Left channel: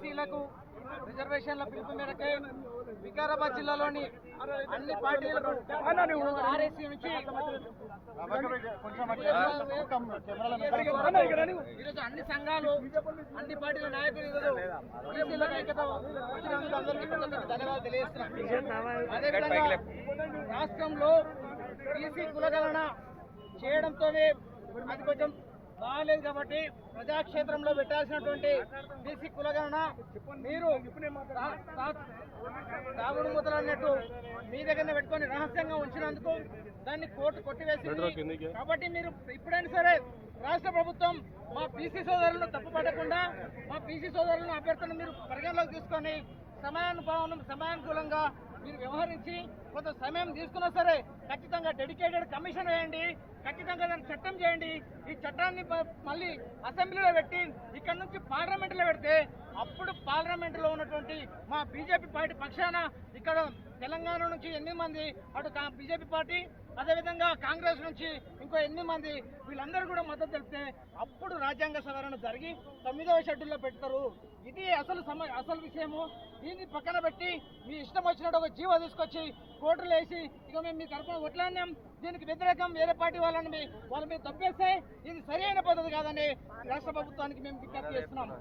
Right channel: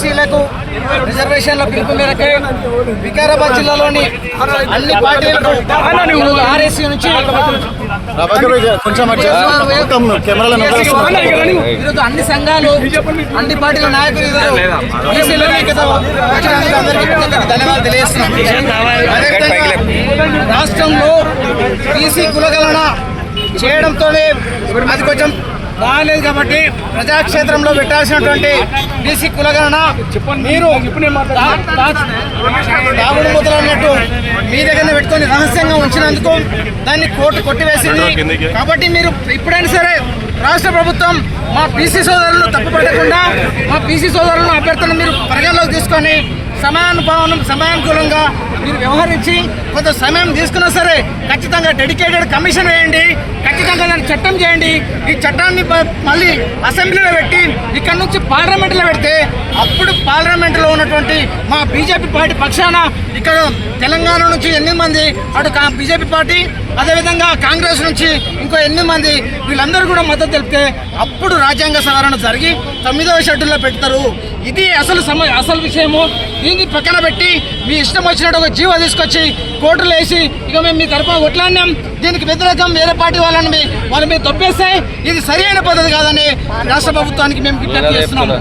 బీసీలకు రిజర్వేషన్ల పిలుపు మేరకు వికారాబాద్ జిల్లాలోని అన్ని పార్టీలకు ఆర్ఎస్సీ నుంచి ఈరోజు అన్ని సంఘాలు అన్ని పార్టీల నాయకులు ఈరోజు బీసీలకు ధన్యవాదాలు తెలియజేస్తున్నాం. అదేవిధంగా రాష్ట్రంలో బీసీ కులగణన చేయడంతోనే అది కొంచెం బాగాలేదు కాబట్టి ప్రజాక్షేత్రంలో పెట్టాల్సినటువంటి బీసీ కులగణన మీరు దాగుడు మూతలు అన్నట్టు మీ దగ్గరనే పెట్టుకొని రహస్యంగా ఉంచినందుకు దాన్ని కోర్టు కొట్టివేసింది. కాబట్టి మీరు ఇప్పుడైనా సరే రాష్ట్ర ప్రభుత్వం మా బీసీ సోదరులను తప్పుపట్టకుండా మా బీసీ సోదరులను అభ్యర్థులను మీరు పరిగణలోకి తీసుకొని సమయానుకూలంగా మీరు వ్యవహరించి కొంత సమయం తీసుకున్నా సరే ఖచ్చితంగా డెడికేటెడ్ కమిషన్ వేయండి, ఖచ్చితంగా దాన్ని చట్టం చేయండి. ఈ చట్టాన్ని మళ్ళీ అసెంబ్లీలో పెట్టి ఇక్కడ నుంచి పార్లమెంట్లో పెడితే అప్పుడు పార్లమెంట్లో ఉన్నటువంటి మా బీజేపీ పార్టీ పక్షాన ఇక్కడ తెలంగాణ నుంచి 8 మంది, అటు బీజేపీ పార్టీ అదేవిధంగా కాంగ్రెస్ నుంచి ఇంకో 8 మంది వీళ్ళందరూ కూడా మద్దతు తెలిపితే అప్పుడు రాజ్యాంగ సవరణ జరిగి 9వ షెడ్యూల్లో పెడతారు. ఇది అసలు విషయము. దీన్ని పక్కన పెట్టి మీ ఇష్టం వచ్చినట్టు ఒక జీవో తీసుకొచ్చి కోర్టులు వేసి ఇక మేము మీ తరఫున కొట్లాడినాం, దీనికి వ్యతిరేకం వేరే పార్టీ వాళ్ళ మీద తొప్పేస్తే ఇది సరైన పద్ధతి కాదని రాష్ట్ర ప్రభుత్వానికి మేము విజ్ఞప్తి చేస్తున్నాము.